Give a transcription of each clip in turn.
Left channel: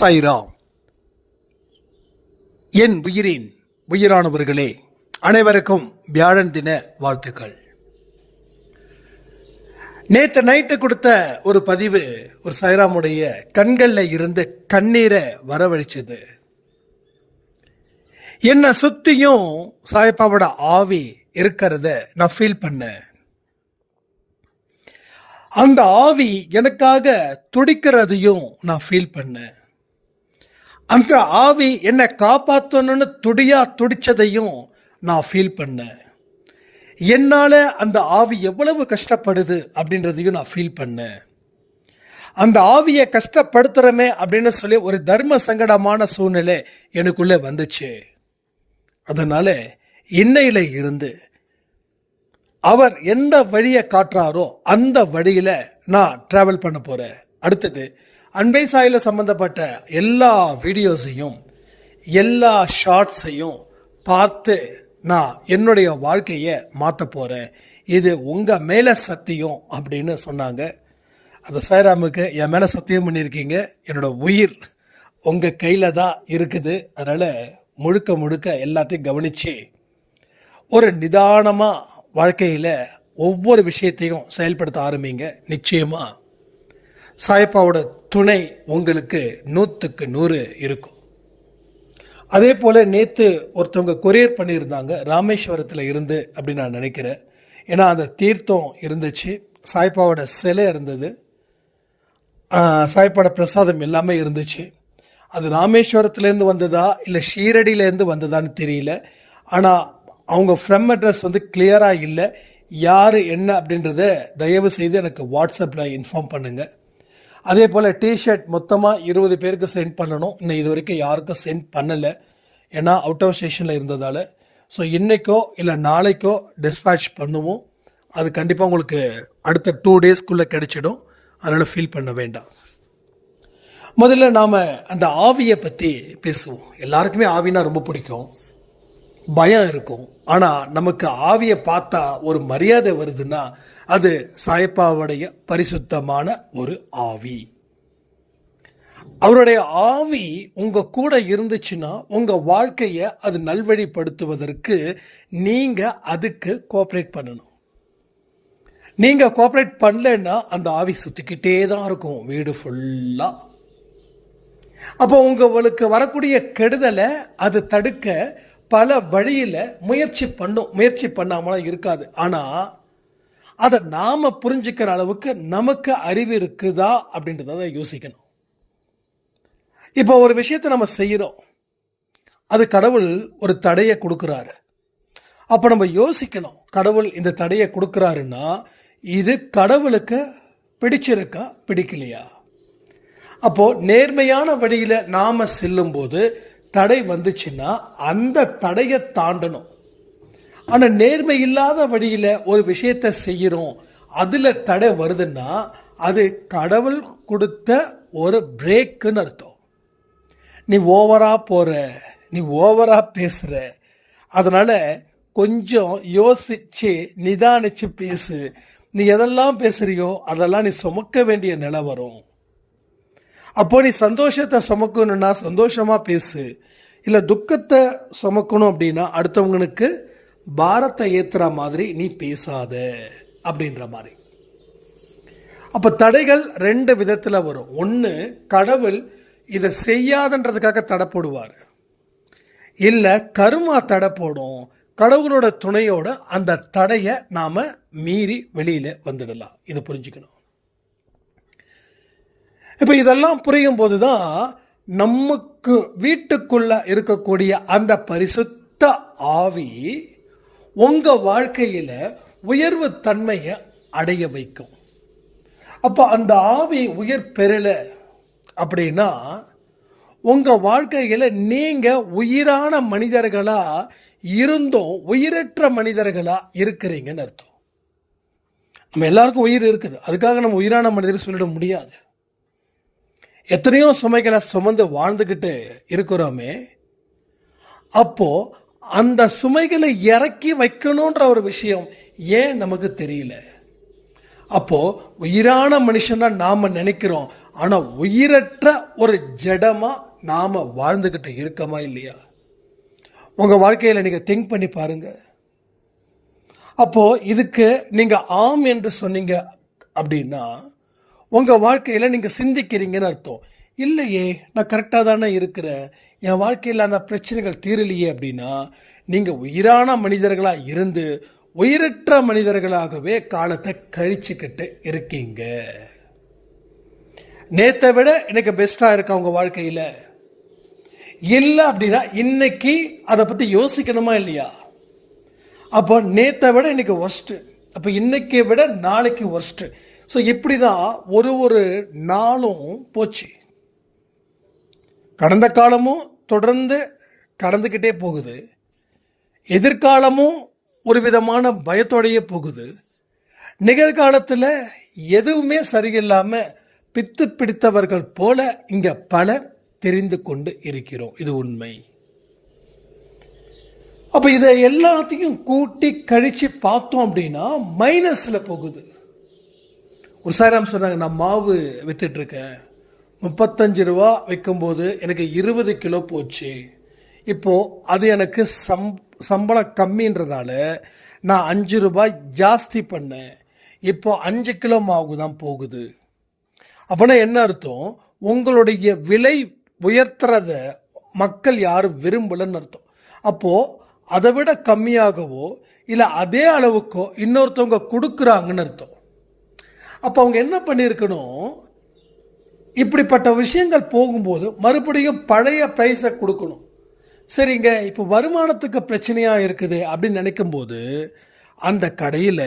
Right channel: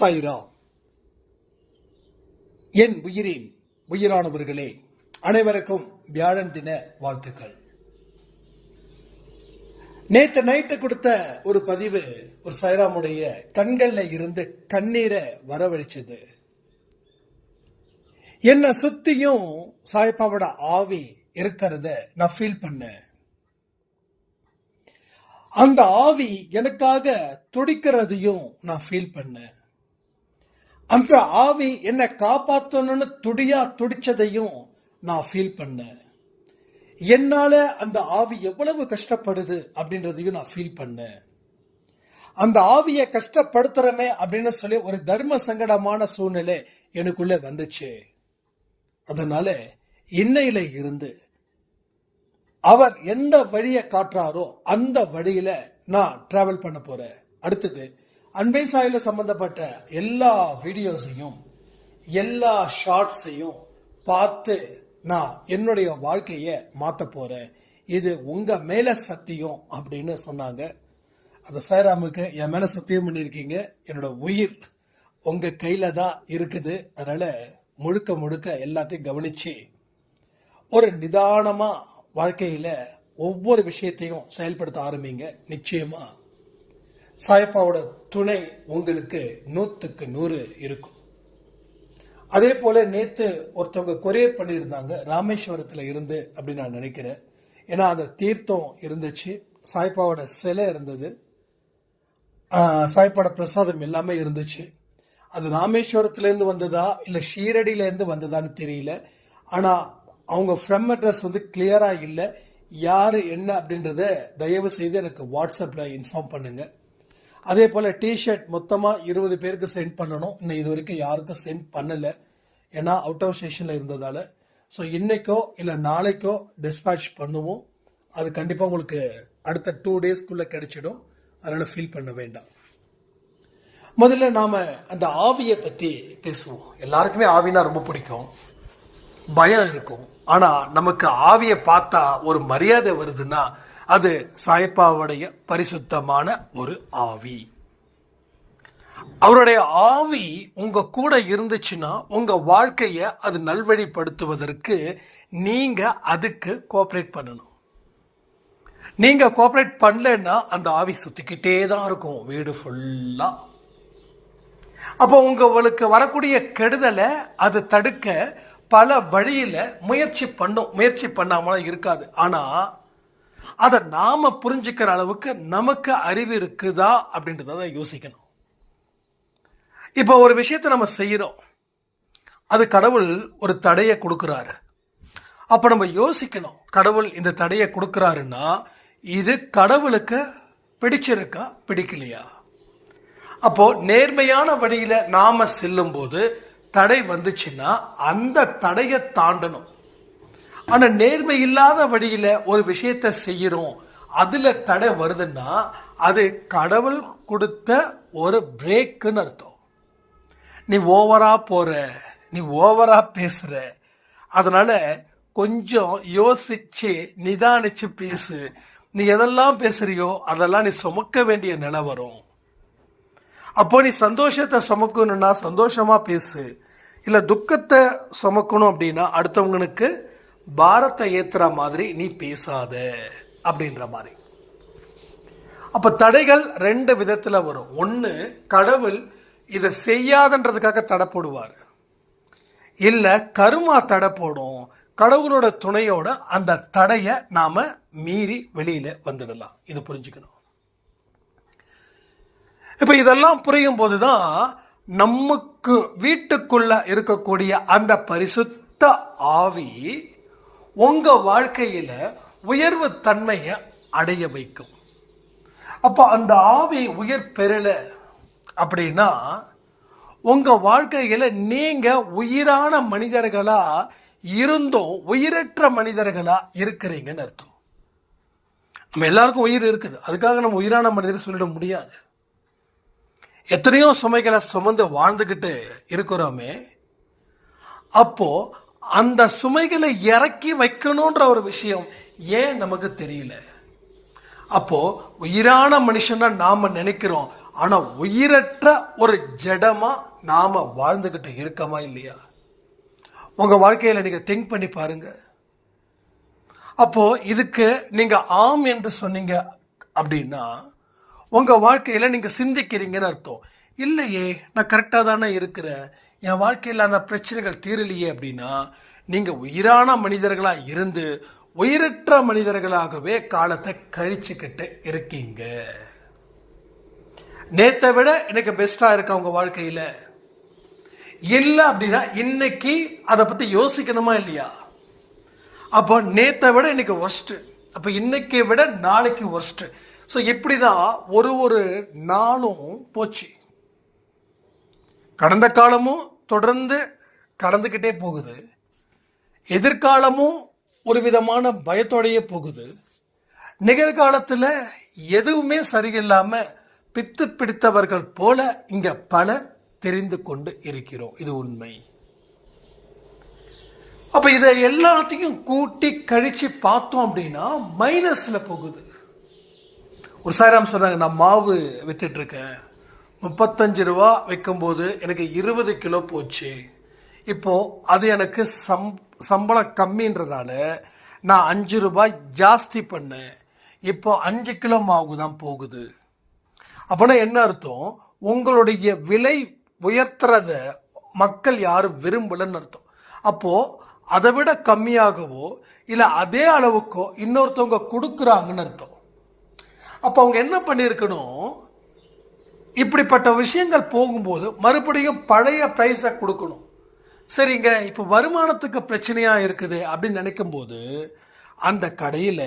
சாய்ராம். என் உயிரின் உயிரானவர்களே அனைவருக்கும் வியாழன் தின வாழ்த்துக்கள். நேற்று நைட்டு கொடுத்த ஒரு பதிவு ஒரு சாய்ராமுடைய கண்களில் இருந்து கண்ணீரை வரவழைச்சது. என்னை சுத்தியும் சாயப்பாவோட ஆவி இருக்கிறத நான் ஃபீல் பண்ணேன். அந்த ஆவி எனக்காக துடிக்கிறதையும் நான் ஃபீல் பண்ணேன். அந்த ஆவி என்னை காப்பாற்றணும்னு துடியா துடிச்சதையும் நான் ஃபீல் பண்ணேன். என்னால் அந்த ஆவி எவ்வளவு கஷ்டப்படுது அப்படின்றதையும் நான் ஃபீல் பண்ணேன். அந்த ஆவியை கஷ்டப்படுத்துகிறோமே அப்படின்னு சொல்லி ஒரு தர்ம சங்கடமான சூழ்நிலை எனக்குள்ளே வந்துச்சு. அதனால் இன்னையில் இருந்து அவர் எந்த வழியை காட்டுறாரோ அந்த வழியில் நான் ட்ராவல் பண்ண போகிறேன் அடுத்தது அன்பை சாயில் சம்மந்தப்பட்ட எல்லா வீடியோஸையும் எல்லா ஷார்ட்ஸையும் பார்த்து நான் என்னுடைய வாழ்க்கையை மாற்ற போகிறேன் இது உங்கள் மேலே சத்தியம் அப்படின்னு சொன்னாங்க. அந்த சாய்ராமுக்கு என் மேலே சத்தியம் பண்ணியிருக்கீங்க. என்னோடய உயிர் உங்கள் கையில் தான் இருக்குது. அதனால் முழுக்க முழுக்க எல்லாத்தையும் கவனித்து ஒரு நிதானமாக வாழ்க்கையில் ஒவ்வொரு விஷயத்தையும் செயல்படுத்த ஆரம்பிங்க. நிச்சயமாக சாயப்பாவோட துணை உங்களுக்கு நூற்றுக்கு நூறு இருக்கும். அதே போல் நேற்று ஒருத்தவங்க கொரியர் பண்ணியிருந்தாங்க ராமேஸ்வரத்தில் இருந்து அப்படின்னு நான் நினைக்கிறேன். ஏன்னா அந்த தீர்த்தம் இருந்துச்சு சாய்ப்பாவோட சிலை இருந்தது. சாய்ப்பாவோட பிரசாதம் எல்லாமே இருந்துச்சு. அது ராமேஸ்வரத்துலேருந்து வந்ததா இல்லை ஷீரடியிலேருந்து வந்ததான்னு தெரியல. ஆனால் அவங்க ஃப்ரம் அட்ரஸ் வந்து கிளியராக இல்லை யார் என்ன அப்படின்றத தயவு செய்து எனக்கு வாட்ஸ்அப்பில் இன்ஃபார்ம் பண்ணுங்கள் அதே போல் டிஷர்ட் மொத்தமாக இருபது பேருக்கு சென்ட் பண்ணணும். இன்னும் இது வரைக்கும் யாருக்கும் சென்ட் பண்ணலை. ஏன்னா அவுட் ஆஃப் ஸ்டேஷனில் இருந்ததால். ஸோ இன்றைக்கோ இல்லை நாளைக்கோ டிஸ்பேட்ச் பண்ணுவோம். அது கண்டிப்பாக உங்களுக்கு அடுத்த டூ டேஸ்க்குள்ளே கிடைச்சிடும். அதனால் ஃபீல் பண்ண வேண்டாம். முதல்ல நாம் அந்த ஆவியை பற்றி பேசுவோம். எல்லாருக்குமே ஆவினா ரொம்ப பிடிக்கும். பயம் இருக்கும். ஆனால் நமக்கு ஆவியை பார்த்தா ஒரு மரியாதை வருதுன்னா அது சாயப்பாவுடைய பரிசுத்தமான ஒரு ஆவி. அவருடைய ஆவி உங்கள் கூட இருந்துச்சுன்னா உங்கள் வாழ்க்கையை அது நல்வழிப்படுத்துவதற்கு நீங்கள் அதுக்கு கோஆப்ரேட் பண்ணணும். நீங்கள் கோஆப்ரேட் பண்ணலன்னா அந்த ஆவி சுற்றிக்கிட்டே தான் இருக்கும் வீடு ஃபுல்லாக அப்போ உங்களுக்கு வரக்கூடிய கெடுதலை அது தடுக்க பல வழியில் முயற்சி பண்ணும். முயற்சி பண்ணாமலாம் இருக்காது. ஆனால் அதை நாம் புரிஞ்சுக்கிற அளவுக்கு நமக்கு அறிவு இருக்குதா அப்படின்றத யோசிக்கணும். இப்போ ஒரு விஷயத்தை நம்ம செய்கிறோம் அது கடவுள் ஒரு தடையை கொடுக்குறாரு. அப்போ நம்ம யோசிக்கணும் கடவுள் இந்த தடையை கொடுக்குறாருன்னா இது கடவுளுக்கு பிடிச்சிருக்கா பிடிக்கலையா? அப்போது நேர்மையான வழியில் நாம் செல்லும்போது தடை வந்துச்சுன்னா அந்த தடையை தாண்டணும். ஆனால் நேர்மை இல்லாத வழியில் ஒரு விஷயத்தை செய்கிறோம் அதில் தடை வருதுன்னா அது கடவுள் கொடுத்த ஒரு பிரேக்குன்னு அர்த்தம். நீ ஓவராக போகிற நீ ஓவராக பேசுகிற அதனால் கொஞ்சம் யோசித்து நிதானித்து பேசு. நீ எதெல்லாம் பேசுகிறியோ அதெல்லாம் நீ சுமக்க வேண்டிய நிலை வரும். அப்போ நீ சந்தோஷத்தை சுமக்கணும்னா சந்தோஷமாக பேசு. இல்லை துக்கத்தை சுமக்கணும் அப்படின்னா அடுத்தவங்களுக்கு பாரத்தை ஏற்றுற மாதிரி நீ பேசாத அப்படின்ற மாதிரி. அப்போ தடைகள் ரெண்டு விதத்தில் வரும். ஒன்று கடவுள் இதை செய்யாதன்றதுக்காக தடை போடுவார். இல்லை கருமா தடை போடும். கடவுளோட துணையோட அந்த தடையை நாம் மீறி வெளியில் வந்துடலாம். இதை புரிஞ்சுக்கணும். இப்போ இதெல்லாம் புரியும் போது தான் நமக்கு வீட்டுக்குள்ள இருக்கக்கூடிய அந்த பரிசுத்த ஆவி உங்கள் வாழ்க்கையில் உயர்வு தன்மையை அடைய வைக்கும். அப்போ அந்த ஆவி உயர் பெறலை அப்படின்னா உங்கள் வாழ்க்கையில் நீங்கள் உயிரான மனிதர்களாக இருந்தும் உயிரற்ற மனிதர்களாக இருக்கிறீங்கன்னு அர்த்தம். நம்ம எல்லாருக்கும் உயிர் இருக்குது. அதுக்காக நம்ம உயிரான மனிதர் சொல்லிட முடியாது. எத்தனையோ சுமைகளை சுமந்து வாழ்ந்துக்கிட்டு இருக்கிறோமே. அப்போது அந்த சுமைகளை இறக்கி வைக்கணுன்ற ஒரு விஷயம் ஏன் நமக்கு தெரியல? அப்போ உயிரான மனுஷனாக நாம் நினைக்கிறோம். ஆனால் உயிரற்ற ஒரு ஜடமாக நாம் வாழ்ந்துக்கிட்டு இருக்கமா இல்லையா? உங்கள் வாழ்க்கையில் நீங்கள் திங்க் பண்ணி பாருங்கள் அப்போது இதுக்கு நீங்கள் ஆம் என்று சொன்னீங்க அப்படின்னா உங்கள் வாழ்க்கையில் நீங்கள் சிந்திக்கிறீங்கன்னு அர்த்தம். இல்லையே நான் கரெக்டாக தானே இருக்கிறேன். என் வாழ்க்கையில் அந்த பிரச்சனைகள் தீரலையே அப்படின்னா நீங்கள் உயிரான மனிதர்களாக இருந்து உயிரற்ற மனிதர்களாகவே காலத்தை கழிச்சுக்கிட்டு இருக்கீங்க. நேத்தை விட எனக்கு பெஸ்ட்டாக இருக்கா உங்கள் வாழ்க்கையில்? இல்லை அப்படின்னா இன்னைக்கு அதை பற்றி யோசிக்கணுமா இல்லையா? அப்போ நேத்தை விட இன்னைக்கு ஒர்ஸ்ட்டு அப்போ இன்னைக்கு விட நாளைக்கு ஒர்ஸ்ட்டு ஸோ இப்படி தான் ஒரு ஒரு நாளும் போச்சு. கடந்த காலமும் தொடர்ந்து கடந்துக்கிட்டே போகுது. எதிர்காலமும் ஒரு விதமான பயத்தோடையே போகுது. நிகழ்காலத்தில் எதுவுமே சரியில்லாமல் பித்து பிடித்தவர்கள் போல இங்கே பலர் தெரிந்து கொண்டு இருக்கிறோம். இது உண்மை. அப்போ இதை எல்லாத்தையும் கூட்டி கழித்து பார்த்தோம் அப்படின்னா மைனஸில் போகுது. ஒரு சாராம் சொன்னாங்க நான் மாவு வித்துட்ருக்கேன் முப்பத்தஞ்சு ரூபா விற்கும்போது எனக்கு இருபது கிலோ போச்சு. இப்போது அது எனக்கு சம் சம்பளம் கம்மின்றதால நான் அஞ்சு ரூபாய் ஜாஸ்தி பண்ணேன். இப்போ அஞ்சு கிலோ மாவு தான் போகுது. அப்படின்னா என்ன அர்த்தம்? உங்களுடைய விலை உயர்த்துறத மக்கள் யாரும் விரும்பலைன்னு அர்த்தம். அப்போது அதை விட கம்மியாகவோ இல்லை அதே அளவுக்கோ இன்னொருத்தவங்க கொடுக்குறாங்கன்னு அர்த்தம். அப்போ அவங்க என்ன பண்ணியிருக்கணும்? இப்படிப்பட்ட விஷயங்கள் போகும்போது மறுபடியும் பழைய ப்ரைஸை கொடுக்கணும். சரிங்க இப்போ வருமானத்துக்கு பிரச்சனையாக இருக்குது அப்படின்னு நினைக்கும்போது அந்த கடையில்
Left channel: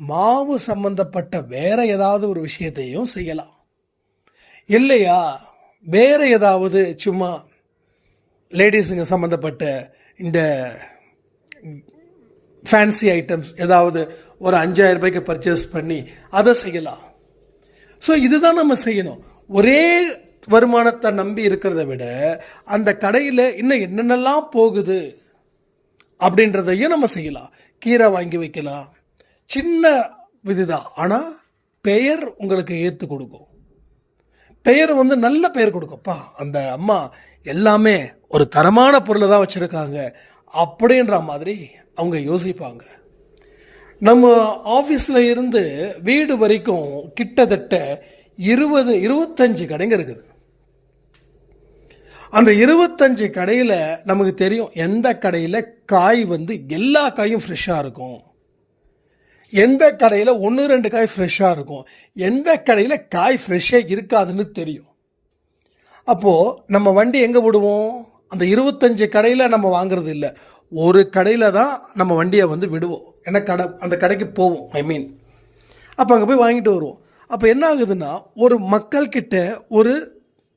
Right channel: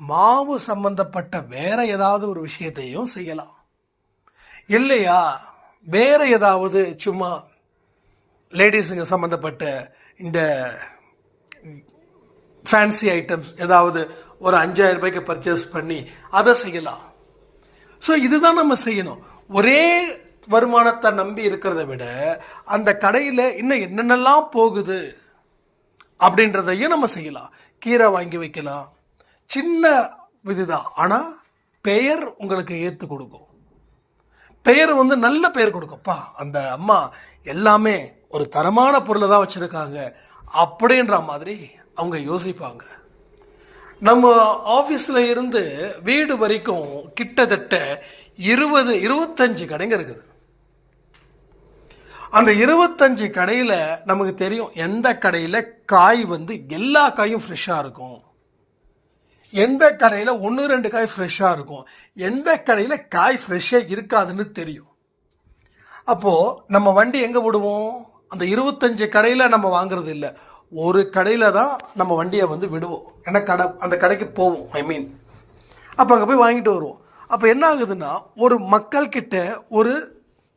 மாவு சம்பந்தப்பட்ட வேற ஏதாவது ஒரு விஷயத்தையும் செய்யலாம். இல்லையா? வேறு ஏதாவது சும்மா லேடிஸுங்க சம்மந்தப்பட்ட இந்த ஃபேன்சி ஐட்டம்ஸ் ஏதாவது ஒரு அஞ்சாயிரம் ரூபாய்க்கு பர்ச்சேஸ் பண்ணி அதை செய்யலாம். ஸோ இதுதான் நம்ம செய்யணும். ஒரே வருமானத்தை நம்பி இருக்கிறத விட அந்த கடையில் இன்னும் என்னென்னலாம் போகுது அப்படின்றதையும் நம்ம செய்யலாம். கீரை வாங்கி வைக்கலாம். சின்ன விதிதான். ஆனால் பெயர் உங்களுக்கு ஏற்று கொடுக்கும். பெயர் வந்து நல்ல பெயர் கொடுக்கும்ப்பா அந்த அம்மா எல்லாமே ஒரு தரமான பொருளை தான் வச்சுருக்காங்க அப்படின்ற மாதிரி அவங்க யோசிப்பாங்க. நம்ம ஆஃபீஸில் இருந்து வீடு வரைக்கும் கிட்டத்தட்ட இருபது இருபத்தஞ்சு கடைங்க இருக்குது. அந்த இருபத்தஞ்சு கடையில் நமக்கு தெரியும் எந்த கடையில் காய் வந்து எல்லா காயும் ஃப்ரெஷ்ஷாக இருக்கும். எந்த கடையில் ஒன்று ரெண்டு காய் ஃப்ரெஷ்ஷாக இருக்கும். எந்த கடையில் காய் ஃப்ரெஷ்ஷே இருக்காதுன்னு தெரியும். அப்போது நம்ம வண்டி எங்கே விடுவோம்? அந்த இருபத்தஞ்சு கடையில் நம்ம வாங்குறது இல்லை. ஒரு கடையில் தான் நம்ம வண்டியை வந்து விடுவோம். ஏன்னா கடை அந்த கடைக்கு போவோம் ஐ மீன் அப்போ அங்கே போய் வாங்கிட்டு வருவோம். அப்போ என்ன ஆகுதுன்னா ஒரு மக்கள்கிட்ட ஒரு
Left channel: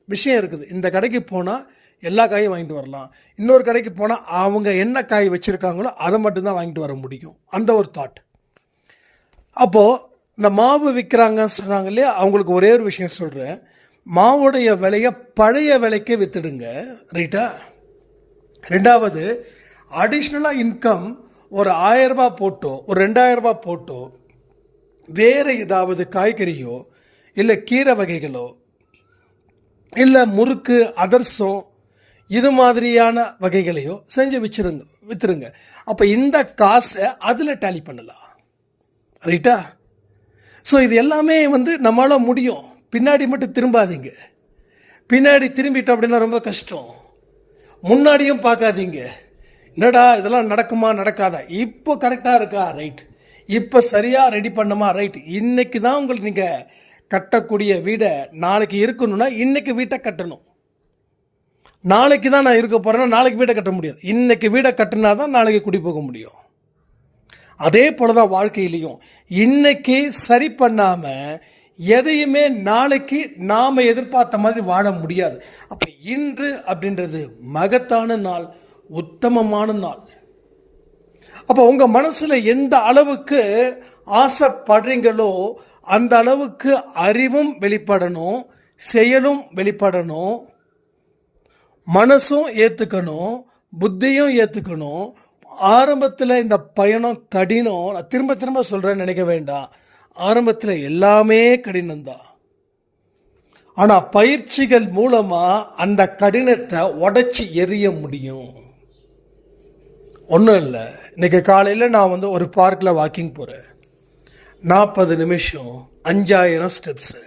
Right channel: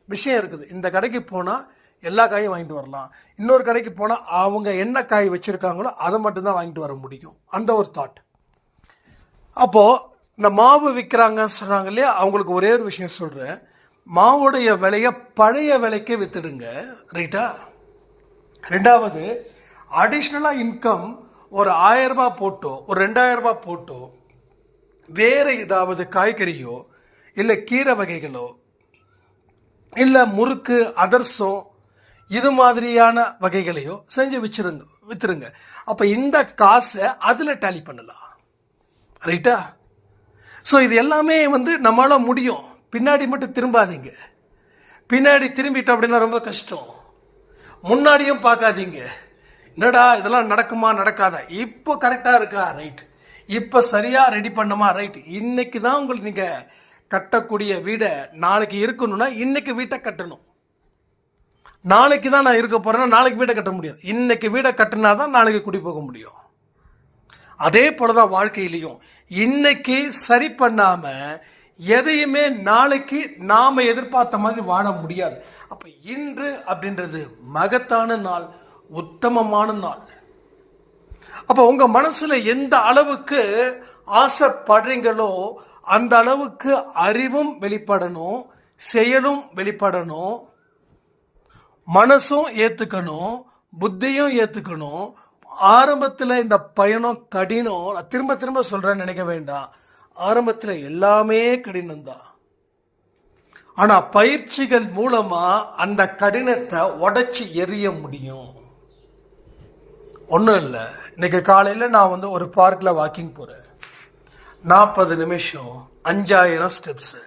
விஷயம் இருக்குது. இந்த கடைக்கு போனால் எல்லா காயும் வாங்கிட்டு வரலாம். இன்னொரு கடைக்கு போனால் அவங்க என்ன காய் வச்சுருக்காங்களோ அதை மட்டும்தான் வாங்கிட்டு வர முடியும். அந்த ஒரு தாட் அப்போது இந்த மாவு விற்கிறாங்கன்னு சொன்னாங்க இல்லையா? அவங்களுக்கு ஒரே ஒரு விஷயம் சொல்கிறேன் மாவுடைய விலையை பழைய விலைக்கே விற்றுடுங்க ரைட்டா? ரெண்டாவது அடிஷ்னலாக இன்கம் ஒரு ஆயரரூபா போட்டோ ஒரு ரெண்டாயிரரூபா போட்டோ வேறு ஏதாவது காய்கறியோ இல்லை கீரை வகைகளோ இல்லை முறுக்கு அதர்சம் இது மாதிரியான வகைகளையோ செஞ்சு வச்சுருங்க விற்றுருங்க அப்போ இந்த காசை அதில் டேலி பண்ணலாம். ரைட்டா ஸோ இது எல்லாமே வந்து நம்மளால் முடியும். பின்னாடி மட்டும் திரும்பாதீங்க. பின்னாடி திரும்பிட்டோம் அப்படின்னா ரொம்ப கஷ்டம். முன்னாடியும் பார்க்காதீங்க. என்னடா இதெல்லாம் நடக்குமா நடக்காதா? இப்போ கரெக்டாக இருக்கா? ரைட் இப்போ சரியாக ரெடி பண்ணமா ரைட் இன்னைக்கு தான் உங்களுக்கு நீங்கள் கட்டக்கூடிய வீடை நாளைக்கு இருக்கணும்னா இன்னைக்கு வீட்டை கட்டணும். நாளைக்கு தான் நான் இருக்க போகிறேன்னா நாளைக்கு வீடை கட்ட முடியாது. இன்னைக்கு வீடை கட்டினா தான் நாளைக்கு குடி போக முடியும். அதே போல தான் வாழ்க்கையிலையும். இன்னைக்கு சரி பண்ணாமல் எதையுமே நாளைக்கு நாம் எதிர்பார்த்த மாதிரி வாழ முடியாது. அப்போ இன்று அப்படின்றது மகத்தான நாள் உத்தமமான நாள். அப்போ உங்கள் மனசில் எந்த அளவுக்கு ஆசைப்படுறீங்களோ அந்த அளவுக்கு அறிவும் வெளிப்படணும் செயலும் வெளிப்படணும் மனசும் ஏற்றுக்கணும் புத்தியும் ஏற்றுக்கணும் ஆரம்பத்தில் இந்த பயணம் கடினம். நான் திரும்ப திரும்ப சொல்கிறேன்னு நினைக்க வேண்டாம். ஆரம்பத்தில் எல்லாமே கடினம்தான் ஆனால் பயிற்சிகள் மூலமாக அந்த கடினத்தை உடச்சி எறிய முடியும். ஒன்றும் இல்லை. இன்னைக்கு காலையில் நான் வந்து ஒரு பார்க்கில் வாக்கிங் போகிறேன் நாற்பது நிமிஷம் அஞ்சாயிரம் ஸ்டெப்ஸு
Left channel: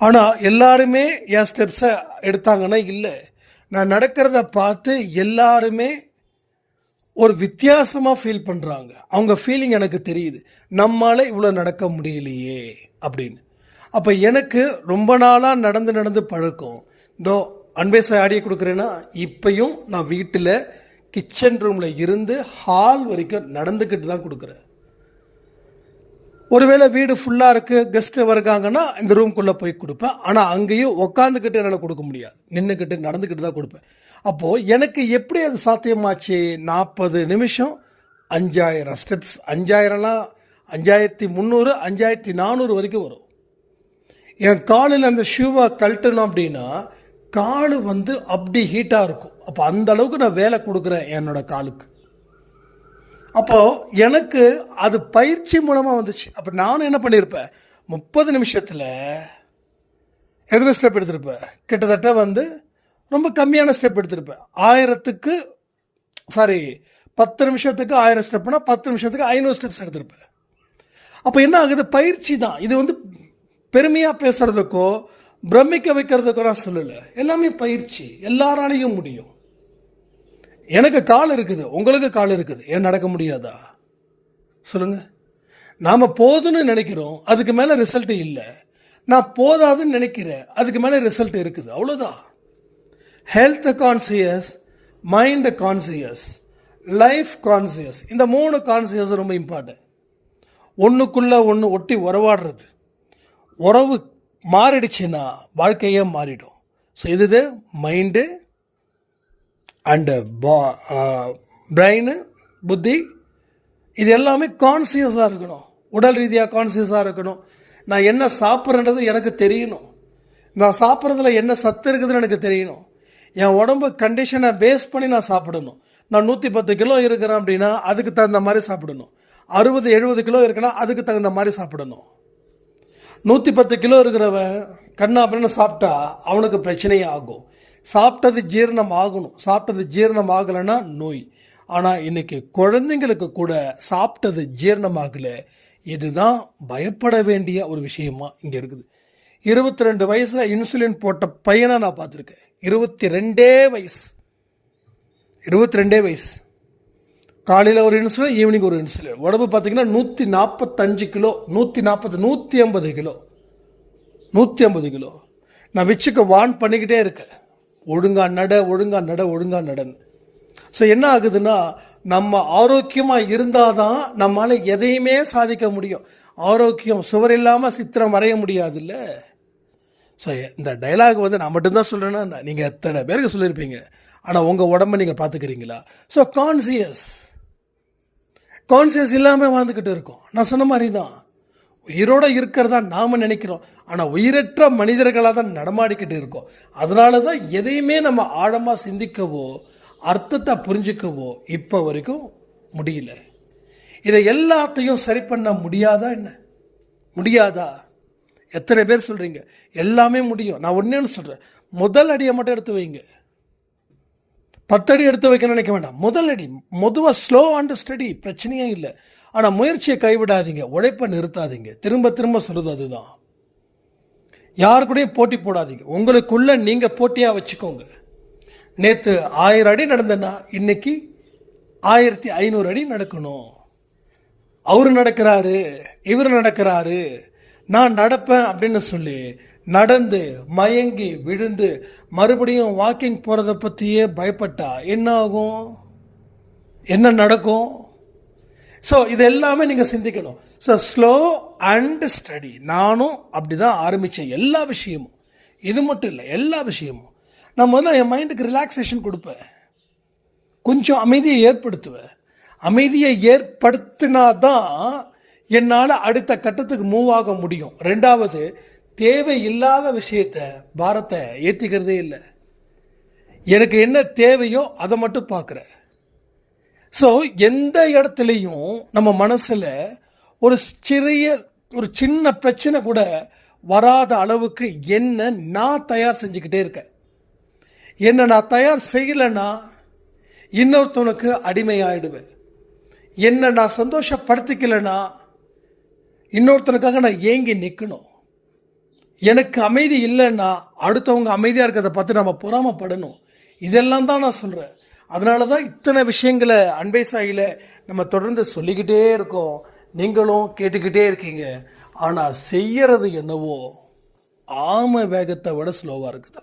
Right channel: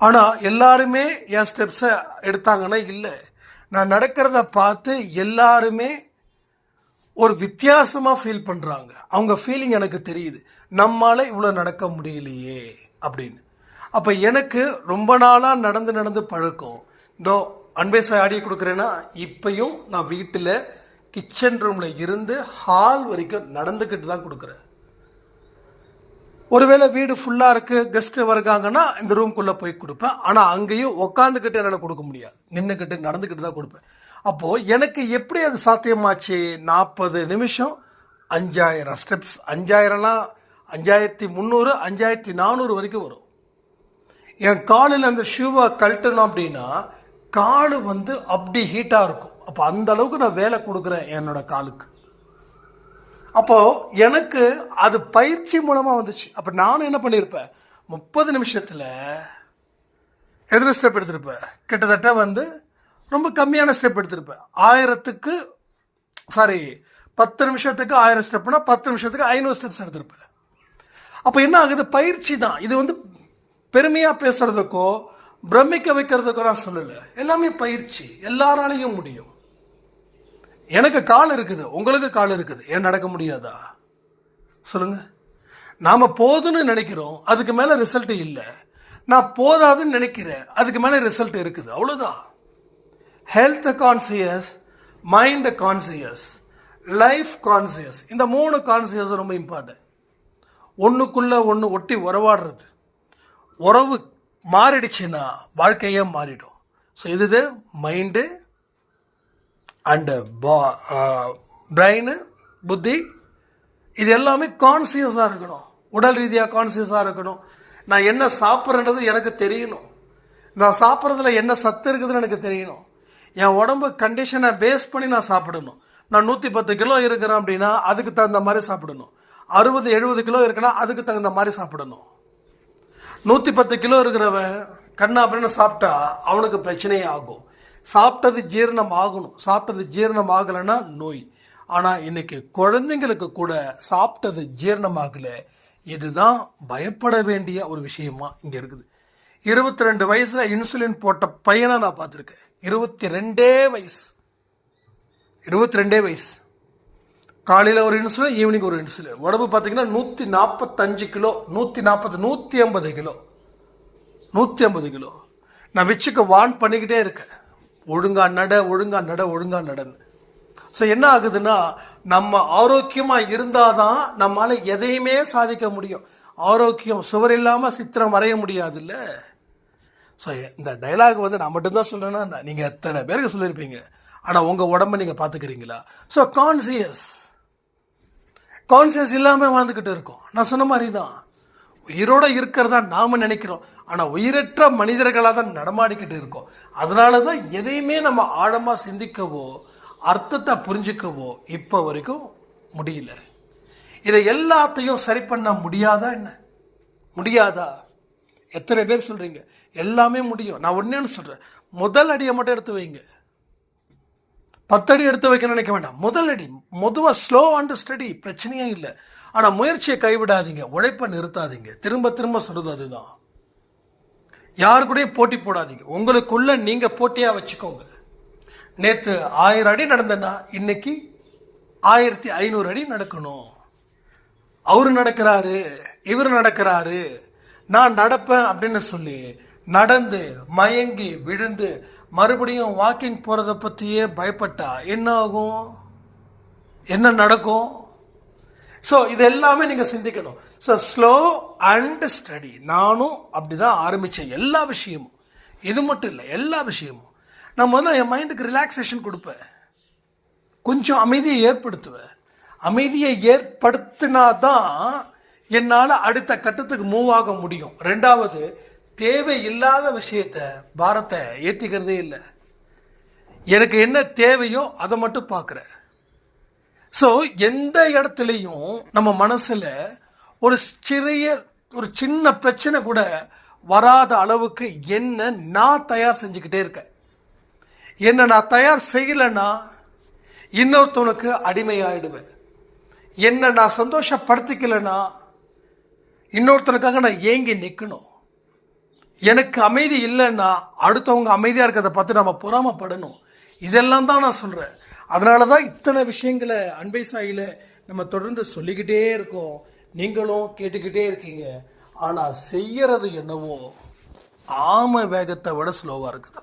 ஆனால் எல்லாருமே என் ஸ்டெப்ஸை எடுத்தாங்கன்னா இல்லை. நான் நடக்கிறத பார்த்து எல்லாருமே ஒரு வித்தியாசமாக ஃபீல் பண்ணுறாங்க அவங்க ஃபீலிங் எனக்கு தெரியுது. நம்மளால் இவ்வளோ நடக்க முடியலையே அப்படின்னு. அப்போ எனக்கு ரொம்ப நாளாக நடந்து நடந்து பழக்கம். இதோ அன்பேச ஆடியை கொடுக்குறேன்னா இப்பையும் நான் வீட்டில் கிச்சன் ரூமில் இருந்து ஹால் வரைக்கும் நடந்துக்கிட்டு தான் கொடுக்குறேன். ஒருவேளை வீடு ஃபுல்லாக இருக்குது கெஸ்ட்டு வருகாங்கன்னா இந்த ரூம்குள்ளே போய் கொடுப்பேன். ஆனால் அங்கேயும் உட்காந்துக்கிட்டு என்னால் கொடுக்க முடியாது. நின்றுக்கிட்டு நடந்துக்கிட்டு தான் கொடுப்பேன். அப்போது எனக்கு எப்படி அது சாத்தியமாச்சு? நாற்பது நிமிஷம் அஞ்சாயிரம் ஸ்டெப்ஸ் அஞ்சாயிரம்லாம் அஞ்சாயிரத்தி முந்நூறு அஞ்சாயிரத்தி நானூறு வரைக்கும் வரும். என் காலில் அந்த ஷூவை கழட்டணும் அப்படின்னா கால் வந்து அப்படி ஹீட்டாக இருக்கும். அப்போ அந்த அளவுக்கு நான் வேலை கொடுக்குறேன் என்னோட காலுக்கு. அப்போது எனக்கு அது பயிற்சி மூலமாக வந்துச்சு. அப்போ நானும் என்ன பண்ணியிருப்பேன் முப்பது நிமிஷத்தில் எத்தனை ஸ்டெப் எடுத்திருப்பேன். கிட்டத்தட்ட வந்து ரொம்ப கம்மியான ஸ்டெப் எடுத்திருப்பேன். ஆயிரத்துக்கு சாரி பத்து நிமிஷத்துக்கு ஆயிரம் ஸ்டெப்னா பத்து நிமிஷத்துக்கு ஐநூறு ஸ்டெப்ஸ் எடுத்திருப்பேன். அப்போ என்ன ஆகுது? பயிற்சி தான். இது வந்து பெருமையாக பேசுகிறதுக்கோ பிரமிக்க வைக்கிறதுக்கோ நான் சொல்லலை. எல்லாமே பயிற்சி. எல்லாராலையும் முடியும். எனக்கு கால் இருக்குது. உங்களுக்கு கால் இருக்குது. ஏன் நடக்க முடியாதா? சொல்லுங்க. நாம் போதுன்னு நினைக்கிறோம். அதுக்கு மேலே ரிசல்ட் இல்லை. நான் போதாதுன்னு நினைக்கிறேன். அதுக்கு மேலே ரிசல்ட் இருக்குது. அவ்வளோதான் health conscious mind conscious life conscious இந்த மூணு கான்சியஸ் ரொம்ப இம்பார்ட்டன்ட் ஒன்றுக்குள்ளே ஒன்று ஒட்டி உறவாடுறது. உறவு மாறிடுச்சுன்னா வாழ்க்கையே மாறிடும். ஸோ இது மைண்டு அண்டு பா பிரெயின் புத்தி இது எல்லாமே கான்சியஸாக இருக்கணும். உடல் ரீதியாக கான்சியஸாக இருக்கணும். நான் என்ன சாப்பிட்றேன்றது எனக்கு தெரியணும். நான் சாப்பிட்றதுல என்ன சத்து இருக்குதுன்னு எனக்கு தெரியணும். என் உடம்பு கண்டிஷனை பேஸ் பண்ணி நான் சாப்பிடணும். நான் நூற்றி பத்து கிலோ இருக்கிறேன் அப்படின்னா அதுக்கு தகுந்த மாதிரி சாப்பிடணும். அறுபது எழுபது கிலோ இருக்குன்னா அதுக்கு தகுந்த மாதிரி சாப்பிடணும். நூற்றி பத்து கிலோ இருக்கிறவன் கண்ணா அப்படின்னு சாப்பிட்டா அவனுக்கு பிரச்சனையே ஆகும். சாப்பிட்டது ஜீரணம் ஆகணும் சாப்பிட்டது ஜீரணம் ஆகலைன்னா நோய். ஆனால் இன்றைக்கி குழந்தைங்களுக்கு கூட சாப்பிட்டது ஜீரணம் ஆகலை இதுதான் பயப்பட வேண்டிய ஒரு விஷயமா இங்கே இருக்குது. இருபத்தி ரெண்டு வயசில் இன்சுலின் போட்ட பையனை நான் பார்த்துருக்கேன். இருபத்தி ரெண்டே வயசு. இருபத்தி ரெண்டே வயசு. காலையில் ஒரு இன்சுலின் ஈவினிங் ஒரு இன்சுலின் உடம்பு பார்த்தீங்கன்னா நூற்றி நாற்பத்தஞ்சு கிலோ நூற்றி நாற்பது நூற்றி ஐம்பது கிலோ. நூற்றி ஐம்பது கிலோ. நான் வச்சுக்க வான் பண்ணிக்கிட்டே இருக்கேன். ஒழுங்கா நட ஒழுங்கா நட ஒழுங்கா நடன்னு. ஸோ என்ன ஆகுதுன்னா நம்ம ஆரோக்கியமாக இருந்தால் தான் நம்மளால் எதையுமே சாதிக்க முடியும். ஆரோக்கியம் சுவர் இல்லாமல் சித்திரம் வரைய முடியாதுல்ல. ஸோ இந்த டைலாக் வந்து நான் மட்டும்தான் சொல்லணும்னா நீங்கள் எத்தனை பேருக்கு சொல்லியிருப்பீங்க? ஆனால் உங்கள் உடம்பை நீங்கள் பார்த்துக்கிறீங்களா ஸோ கான்சியஸ் கான்சியஸ் இல்லாமல் வாழ்ந்துக்கிட்டு இருக்கோம். நான் சொன்ன மாதிரி தான் உயிரோடு இருக்கிறதா நாம் நினைக்கிறோம். ஆனால் உயிரற்ற மனிதர்களாக தான் நடமாடிக்கிட்டு இருக்கோம். அதனால தான் எதையுமே நம்ம ஆழமாக சிந்திக்கவோ அர்த்தத்தை புரிஞ்சிக்கவோ இப்போ வரைக்கும் முடியல. இதை எல்லாத்தையும் சரி பண்ண முடியாதா என்ன? முடியாதா? எத்தனை பேர் சொல்கிறீங்க எல்லாமே முடியும். நான் ஒன்றேன்னு சொல்கிறேன் முதல் அடியை மட்டும் எடுத்து வைங்க. பத்தடி எடுத்து வைக்க நினைக்க வேண்டாம். முதல் அடி மொதுவாக ஸ்லோ அண்ட் ஸ்டடி பிரச்சனையே இல்லை. ஆனால் முயற்சியை கைவிடாதீங்க. உழைப்பை நிறுத்தாதீங்க. திரும்ப திரும்ப சொல்லுது அதுதான். யாரு கூடயும் போட்டி போடாதீங்க. உங்களுக்குள்ள நீங்கள் போட்டியாக வச்சுக்கோங்க. நேற்று ஆயிரம் அடி நடந்தேன்னா இன்னைக்கு ஆயிரத்தி ஐநூறு அடி நடக்கணும். அவர் நடக்கிறாரு இவர் நடக்கிறாரு நான் நடப்பேன் அப்படின்னு சொல்லி நடந்து மயங்கி விழுந்து மறுபடியும் வாக்கிங் போகிறத பற்றியே பயப்பட்டா என்ன ஆகும் என்ன நடக்கும்? ஸோ இது எல்லாமே நீங்கள் சிந்திக்கணும். ஸோ ஸ்லோ அண்ட் ஸ்டடி நானும் அப்படி தான் ஆரம்பித்தேன் எல்லா விஷயமும். இது மட்டும் இல்லை எல்லா விஷயமும். நான் முதல்ல என் மைண்டுக்கு ரிலாக்ஸேஷன் கொடுப்பேன். கொஞ்சம் அமைதியை ஏற்படுத்துவேன். அமைதியை ஏற்படுத்தினா தான் என்னால் அடுத்த கட்டத்துக்கு மூவ் ஆக முடியும். ரெண்டாவது தேவையில்லாத விஷயத்த பாரத்தை ஏற்றிக்கிறதே இல்லை. எனக்கு என்ன தேவையோ அதை மட்டும் பார்க்குறேன் ஸோ எந்த இடத்துலையும் நம்ம மனசில் ஒரு சிறிய ஒரு சின்ன பிரச்சனை கூட வராத அளவுக்கு என்ன நான் தயார் செஞ்சுக்கிட்டே இருக்கேன் என்ன நான் தயார் செய்யலைன்னா இன்னொருத்தவனுக்கு அடிமையாயிடுவேன். என்ன நான் சந்தோஷப்படுத்திக்கலைன்னா இன்னொருத்தனுக்காக நான் ஏங்கி நிற்கணும் எனக்கு அமைதி இல்லைன்னா அடுத்தவங்க அமைதியாக இருக்கிறத பார்த்து நம்ம பொறாமப்படணும். இதெல்லாம் தான் நான் சொல்கிறேன் அதனால தான் இத்தனை விஷயங்களை அன்பை சாயில நம்ம தொடர்ந்து சொல்லிக்கிட்டே இருக்கோம். நீங்களும் கேட்டுக்கிட்டே இருக்கீங்க. ஆனால் செய்யறது என்னவோ ஆம வேகத்தை விட ஸ்லோவாக இருக்குது.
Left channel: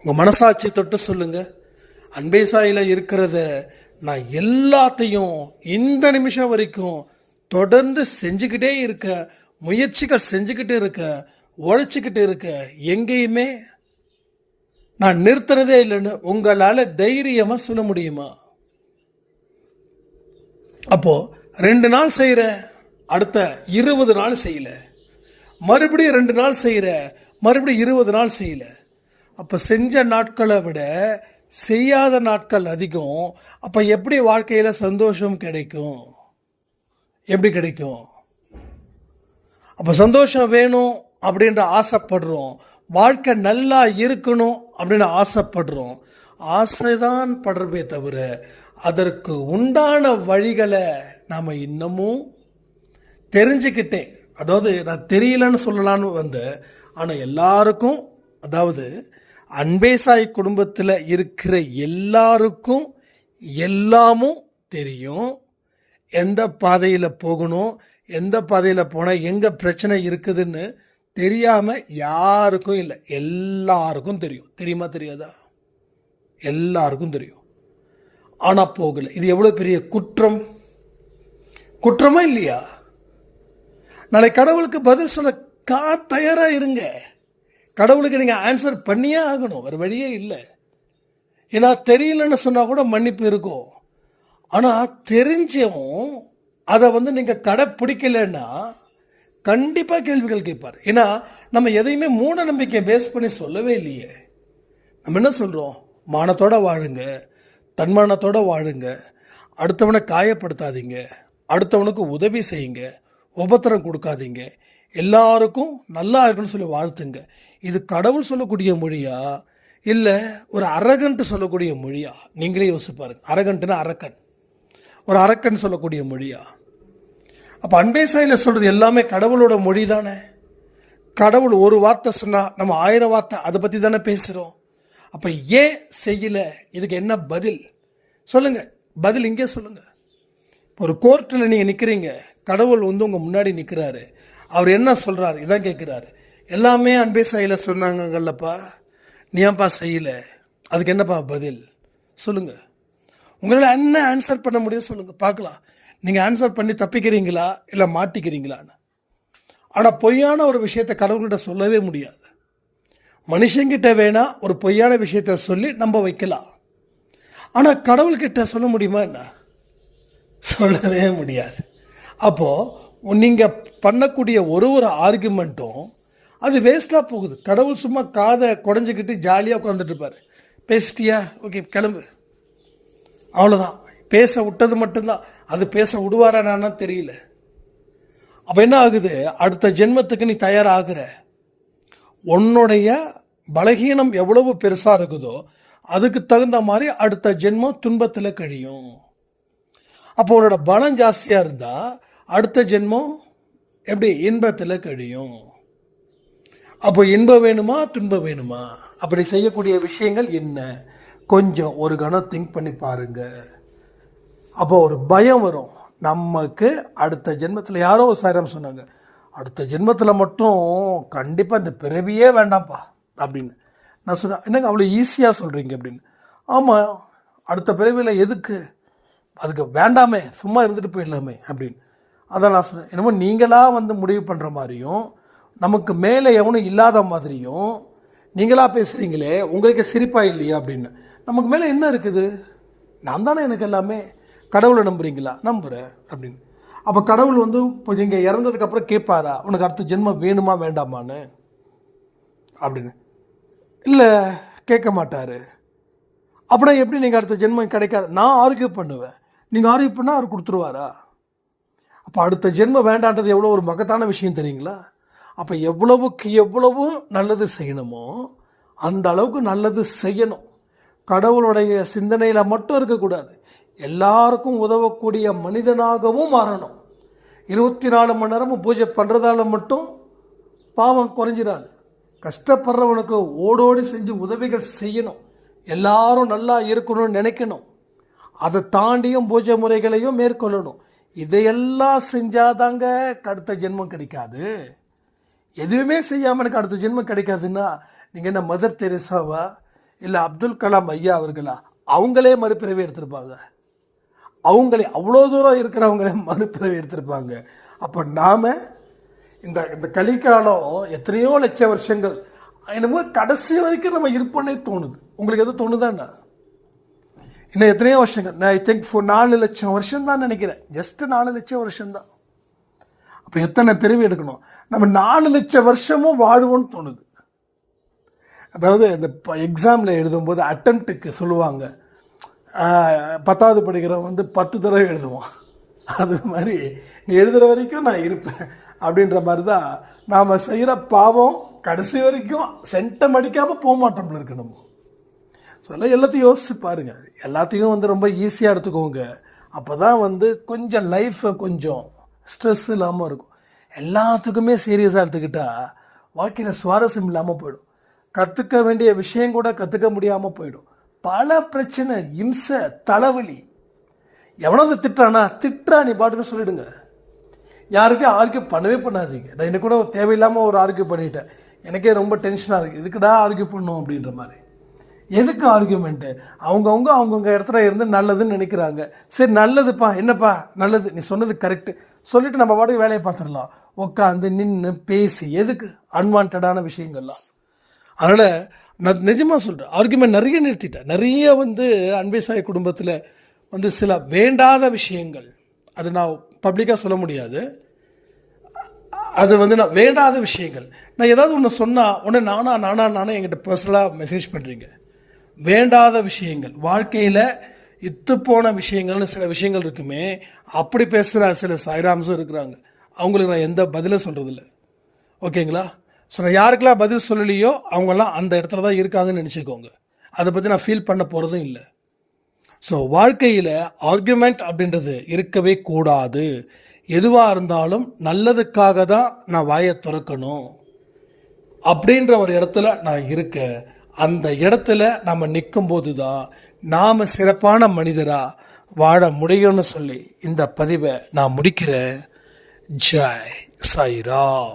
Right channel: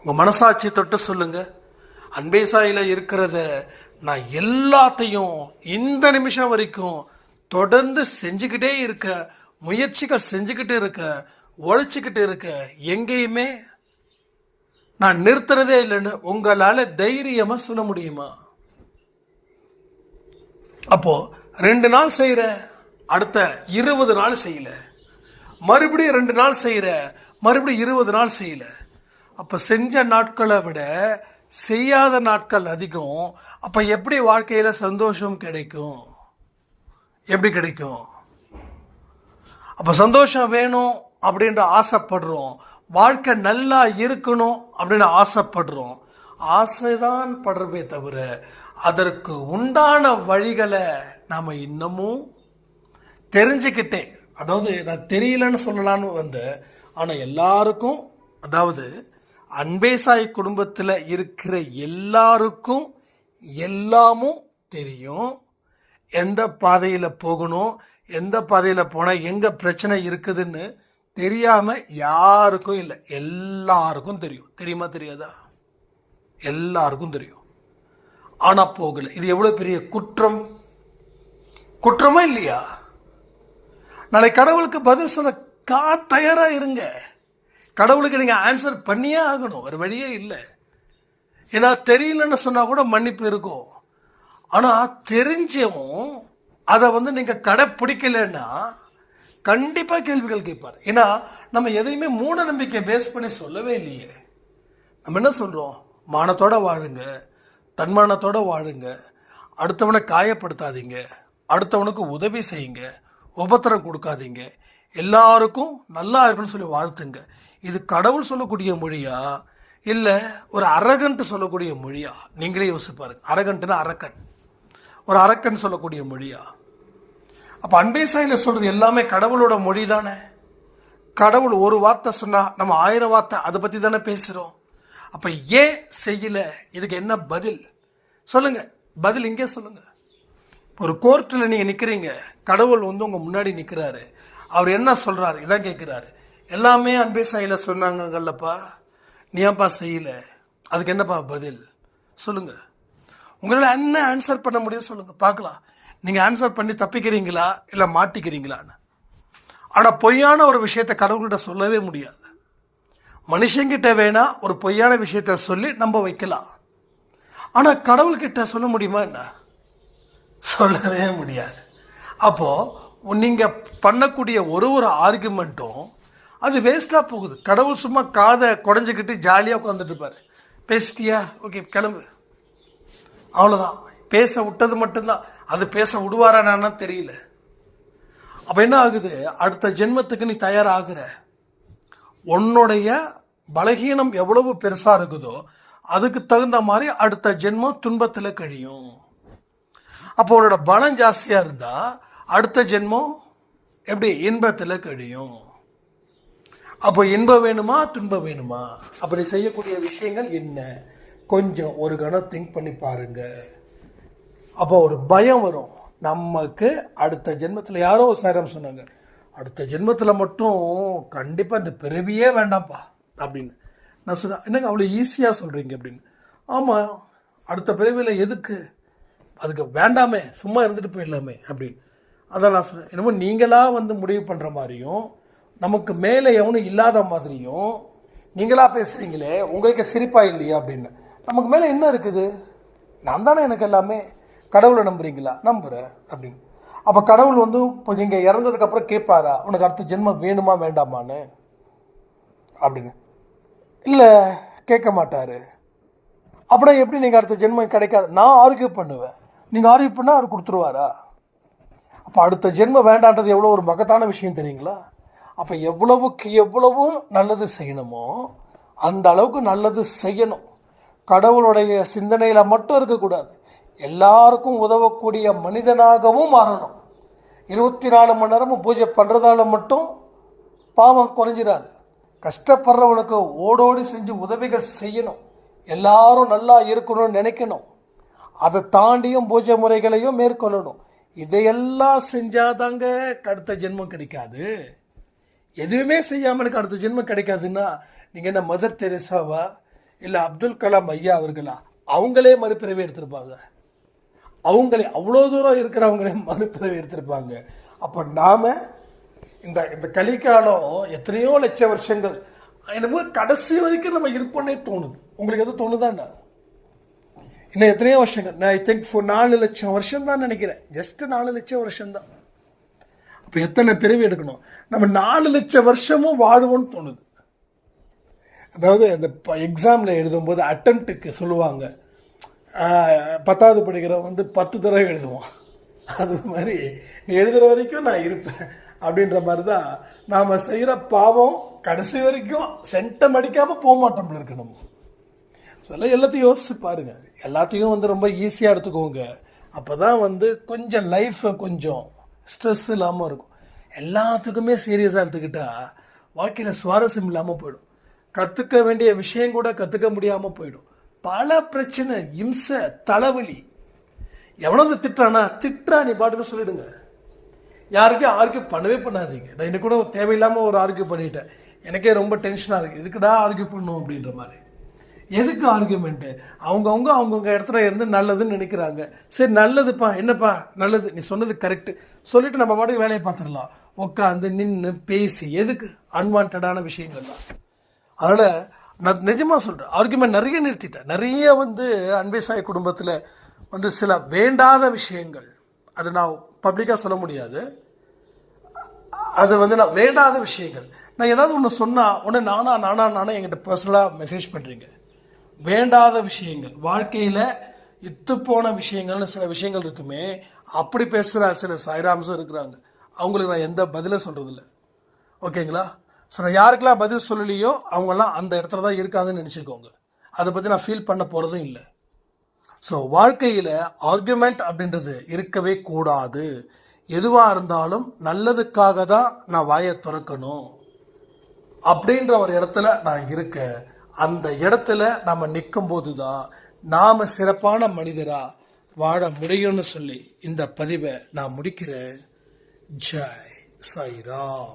உங்கள் மனசாட்சியை தொட்டு சொல்லுங்கள் அன்பை சாயில் இருக்கிறத நான் எல்லாத்தையும் இந்த நிமிஷம் வரைக்கும் தொடர்ந்து செஞ்சுக்கிட்டே இருக்கேன் முயற்சிகள் செஞ்சுக்கிட்டு இருக்க உழைச்சிக்கிட்டு இருக்க எங்கேயுமே நான் நிறுத்துறதே இல்லைன்னு உங்களால் தைரியமாக சொல்ல முடியுமா? அப்போது ரெண்டு நாள் செய்கிற அடுத்த இருபது நாள் செய்யல. மறுபடியும் ரெண்டு நாள் செய்கிற மறுபடியும் இருபது நாள் செய்யல. அப்போ செஞ்ச நாட்களை விட செய்யாத நாட்கள் அதிகம். அப்போ எப்படி வாழ்க்கையில் சந்தோஷம் கிடைக்கும்? எப்படி கிடைக்கும்? அப்போ சந்தோஷம் வேணும் அப்படின்ற ஆசைப்படுறோம். வாழ்க்கை நல்லா இருக்கணும் அப்படின்னு ஆசைப்படுறோம். ஆசைதான் படுறமே தவிர அதற்கு உண்டான வழிகளை நாம் இன்னமும் தெரிஞ்சுக்கிட்டேன். அதாவது நான் தெரியலன்னு சொல்லலான்னு வந்தேன். ஆனால் எல்லாருக்கும் அதாவது அன்பேசாய் குடும்பத்தில் இருக்கிற எல்லாருக்கும் எல்லாமும் தெரியும். எந்த பாதையில் போகணும் எந்த பாதையில் போனால் எங்கே பிரச்சனை இருக்குதுன்னு தெரியாமல் யாருக்கும் இல்லை. எல்லாருக்கும் தெரியும். தெரியுமா தெரியாதா? எல்லாருக்கும் தெரியும். ஆனால் போகலை. இது எவ்வளோ பெரிய குற்றம்? குற்றமா இல்லையா? நாளை கடவுளுக்கு பதில் சொல்ல கா தயாராக இருங்க. கடவுளுக்கு நீங்கள் ஆன்சர் பண்ணியே ஆகணும். வேறு வழியே இல்லை. ஏன்னா தெரியலன்னு சொன்னால் கூட மன்னிப்பு இருக்கும். ஆனால் தெரிஞ்சவும் அதை வந்து நீங்கள் கடைப்பிடிக்கலைன்னா கண்டிப்பாக கேள்விகள் கேட்பார். ஏன்னா நம்ம எதையுமே மூட நம்பிக்கை பேஸ் பண்ணி சொல்லவே இல்லையே. நம்ம என்ன சொல்கிறோம் மானத்தோடு வாழுங்க. தன்மானத்தோடு வாழுங்க. அடுத்தவனை காயப்படுத்தாதீங்க. அடுத்தவனுக்கு உதவி செய்யுங்க. உபத்திரம் கொடுக்காதீங்க. எல்லாருக்கும் நல்லா இருக்குன்னு சொல்லி வாழ்த்துங்க. இது கடவுள் சொல்லக்கூடிய மொழியா? இல்லை ஒரு அரகன்ட்டு சொல்லக்கூடிய மொழியா? நீங்களே யோசிச்சு பாருங்க. அரகன்ட்டுனா அரக்கன். ஒரு அரக்கன் சொல்லக்கூடிய மொழியா? அப்போ அன்பேசாயில சொல்கிறது எல்லாமே கடவுளோட மொழி தானே கடவுள் ஒரு வார்த்தை சொன்னால் நம்ம ஆயிரம் வார்த்தை அதை பற்றி தானே பேசுகிறோம் அப்போ ஏன் செய்யலை? இதுக்கு என்ன பதில்? சொல்லுங்கள் பதில் இங்கே சொல்லுங்கள் ஒரு கோர்ட்டில் நீங்கள் நிற்கிறீங்க கடவுள் வந்து உங்கள் முன்னாடி நிற்கிறாரு அவர் என்ன சொல்கிறாரு இதான் கேட்குறாரு எல்லாமே அன்பே சாயில் சொன்னாங்கல்லப்பா நீ ஏன்ப்பா செய்யலை? அதுக்கு என்னப்பா பதில்? சொல்லுங்கள் உங்களால் என்ன ஆன்சர் பண்ண முடியும் சொல்லுங்கள் பார்க்கலாம். நீங்கள் ஆன்சர் பண்ணி தப்பிக்கிறீங்களா? இல்லை மாட்டிக்கிறீங்களான்னு. ஆனால் பொய்யான ஒரு விஷயத்தை கடவுள்கிட்ட சொல்லவே முடியாது. மனுஷங்கிட்ட வேணால் ஒரு பொய்யான விஷயத்த சொல்லி நம்ப வைக்கலாம். ஆனால் கடவுள்கிட்ட சொல்ல முடியுமா என்ன? சொல்லவே முடியாது. அப்போது நீங்கள் பண்ணக்கூடிய ஒரு ஒரு ஆர்குமெண்ட்டும் அது வேஸ்ட்டாக போகுது. கடவுள் சும்மா காதை குடஞ்சிக்கிட்டு ஜாலியாக உட்காந்துட்டு இருப்பார். பேசிட்டியா? ஓகே கிளம்பு. அவ்வளோதான் பேச விட்டது மட்டும்தான். அது பேச விடுவாரானா தெரியல. அப்போ என்ன ஆகுது? அடுத்த ஜென்மத்துக்கு நீ தயாராகிற. உன்னுடைய பலகீனம் எவ்வளவு பெருசாக இருக்குதோ அதுக்கு தகுந்த மாதிரி அடுத்த ஜென்மம் துன்பத்தில் கழியும். அப்போ உன்னோட பலம் ஜாஸ்தியாக இருந்தால் அடுத்த ஜென்மம் எப்படி? இன்பத்தில் கழியும். அப்போ இன்பம் வேணுமா? துன்பம் வேணுமா? அப்படி செய்யக்கூடிய விஷயங்கள் என்ன? கொஞ்சம் ஒரு கணம் திங்க் பண்ணி பாருங்கள் அப்போ ஒரு பயம் வரும். நமக்கு அடுத்த ஜென்மத்தில் யாரோ ஒரு சாரம் சொன்னாங்க. அடுத்த ஜென்மத்தில் மட்டும் கண்டிப்பாக இந்த பிறவியே வேண்டாம்ப்பா அப்படின்னு. நான் சொன்னேன் என்னங்க அவ்வளோ ஈஸியாக சொல்கிறீங்க அப்படின்னு. ஆமாம் அடுத்த பிறவியில் எதுக்கு? அதுக்கு வேண்டாமே சும்மா இருந்துட்டு போயிடலாமே அப்படின்னு. அதான் நான் சொன்னேன் என்னமோ நீங்களாக வந்து முடிவு பண்ணுற மாதிரியும் நமக்கு மேலே எவனும் இல்லாத மாதிரியும் நீங்களாக பேசுகிறீங்களே உங்களுக்கு சிரிப்பாக இல்லையா அப்படின்னு. நமக்கு மேலே என்ன இருக்குது? நான் தானே எனக்கு எல்லாமே கடவுளை நம்புறீங்களா? நம்புகிறேன் அப்படின்னு. அப்போ கடவுள் வந்து இப்போ நீங்கள் இறந்ததுக்கப்புறம் கேட்பாரா உனக்கு அடுத்த ஜென்மம் வேணுமா வேண்டாமான்னு? அப்படின்னு. இல்லை கேட்க மாட்டார். அப்படின்னா எப்படி நீங்கள் அடுத்த ஜென்மம் கிடைக்காது? நான் ஆரோக்கியம் பண்ணுவேன். நீங்கள் ஆரோக்கியம் பண்ணால் அவர் கொடுத்துருவாரா? அப்போ அடுத்த ஜென்மம் வேண்டான்றது எவ்வளோ ஒரு மகத்தான விஷயம் தெரியுங்களா? அப்போ எவ்வளவுக்கு எவ்வளவும் நல்லது செய்யணுமோ அந்த அளவுக்கு நல்லது செய்யணும். கடவுளுடைய சிந்தனையில் மட்டும் இருக்கக்கூடாது. எல்லாருக்கும் உதவக்கூடிய மனிதனாகவும் மாறணும். இருபத்தி நாலு மணி நேரமும் பூஜை பண்ணுறதால மட்டும் பாவம் குறைஞ்சிடாது. கஷ்டப்படுறவனுக்கு ஓடோடி செஞ்சு உதவிகள் செய்யணும். எல்லாரும் நல்லா இருக்கணும்னு நினைக்கணும். அதை தாண்டியும் பூஜை முறைகளையும் மேற்கொள்ளணும். இதையெல்லாம் செஞ்சாதாங்க அடுத்த ஜென்மம் கிடைக்காது. எதுவுமே செய்யாமல் எனக்கு அடுத்த ஜென்மம் கிடைக்காதுன்னா நீங்கள் என்ன மதர் தெரேசாவா? இல்லை அப்துல் கலாம் ஐயா அவர்களா? அவங்களே மறுபிறவி எடுத்திருப்பாங்க. அவங்களே அவ்வளோ தூரம் இருக்கிறவங்களே மறுபிறவி எடுத்திருப்பாங்க. அப்போ நாம் இந்த இந்த கலிக்காலம் எத்தனையோ லட்ச வருஷங்கள் என்னமோ கடைசி வரைக்கும் நம்ம இருப்போன்னே தோணுது. உங்களுக்கு எது தோணுதாண்ணா இன்னும் எத்தனையோ வருஷங்கள். நான் ஐ திங்க் ஃபோர் நாலு லட்சம் வருஷம் தான் நினைக்கிறேன். ஜஸ்ட் நாலு லட்சம் வருஷம்தான். அப்போ எத்தனை பிறவி எடுக்கணும்? நம்ம நாலு லட்சம் வருஷமும் வாழ்வோம்னு தோணுது. அதாவது இந்த எக்ஸாமில் எழுதும்போது அட்டம்ப்ட்டுக்கு சொல்லுவாங்க. பத்தாவது படிக்கிறவன் வந்து பத்து தடவை எழுதுவான். அது மாதிரி நீ எழுதுகிற வரைக்கும் நான் இருப்பேன் அப்படின்ற மாதிரி தான் நாம் செய்கிற பாவம் கடைசி வரைக்கும் சென்டம் அடிக்காமல் போக மாட்டோம் இருக்கணும் நம்ம. எல்லாத்தையும் யோசிச்சு பாருங்க. எல்லாத்தையும் வந்து ரொம்ப ஈஸியாக எடுத்துக்கோங்க. அப்போ தான் வந்து கொஞ்சம் லைஃப்பை கொஞ்சம் ஸ்ட்ரெஸ் இல்லாமல் இருக்கும். எல்லாத்துக்குமே சீரியஸாக எடுத்துக்கிட்டால் வாழ்க்கையில் சுவாரஸ்யம் இல்லாமல் போயிடும். கற்றுக்க வேண்டிய விஷயம் கூட கற்றுக்க முடியாமல் போயிடும். பல பிரச்சனை இம்சை தலைவலி. எவனது திட்டானா திட்டுறா நீ பாட்டுக்கு சொல்லிடுங்க. யாருக்கும் ஆர்கியூ பண்ணவே பண்ணாதீங்க. நான் எனக்கு கூட தேவையில்லாமல் ஒரு ஆர்கியூ பண்ணிட்டேன். எனக்கே ரொம்ப டென்ஷனாக இருக்குது எதுக்குடா ஆர்கியூ பண்ணும் அப்படின்ற மாதிரி. எதுக்கு ஆர்கியூமெண்ட்டு? அவங்கவுங்க அவங்கவுங்க இடத்துல இருந்து நல்லதுன்னு நினைக்கிறாங்க. சரி நல்லதுப்பா என்னப்பா? நல்லது. நீ சொன்னது கரெக்டு சொல்லிட்டு நம்ம பாட்டுக்கு வேலையை பார்த்துடலாம். உட்காந்து நின்று பேசி எதுக்கு? அன்வான்டான விஷயங்கள்லாம். அதனால் நான் நிஜமாக சொல்கிறேன் ஆர்குமெண்ட் நிறைய நிறுத்திட்டேன். நிறைய வந்து அன்பை சாய் குடும்பத்தில் வந்து சில வேண்டாத விஷயங்கள் அது நான் பப்ளிக்காக சொல்ல முடியாது. அது வந்து நான் வேண்டாத விஷயங்கள். நான் ஏதாவது ஒன்று சொன்னால் ஒன்று நானா நானா நானா என்கிட்ட பர்சனலாக மெசேஜ் பண்ணுறீங்க வேண்டாத விஷயங்கள். வாழ்க்கையில் இத்து போன விஷயங்கள்னு சில விஷயங்கள் இருக்குமே அப்படி பேசுகிற சில சாய்ராம்ஸும் இருக்கிறாங்க. அவங்களுக்கு நான் எந்த பதிலும் சொல்கிறதில்ல ஓகேங்களா? ஸோ நான் யாருக்கெல்லாம் பதில் சொல்லலையோ அவங்கெல்லாம் அந்த இடத்துல தான் இருக்காங்கன்னு நினச்சிக்கோங்க. அதை பற்றி நான் ஃபீல் பண்ண போகிறதும் இல்லை. ஸோ வாழ்க்கையில் ஆர்குமெண்ட் அப்படின்றது இருக்கவே கூடாது. எதுவாக இருந்தாலும் நல்லதுக்காக தான் நான் வாயை திறக்கணும். அப்படின்ற ஒரு இடத்துல நான் இருக்கேன் அந்த இடத்துல நம்ம நிற்கும்போது தான் நாம் சிறப்பான மனிதராக வாழ முடியும்னு சொல்லி இந்த பதிவை நான் முடிக்கிறேன். ஜெய் சாய்ராம்.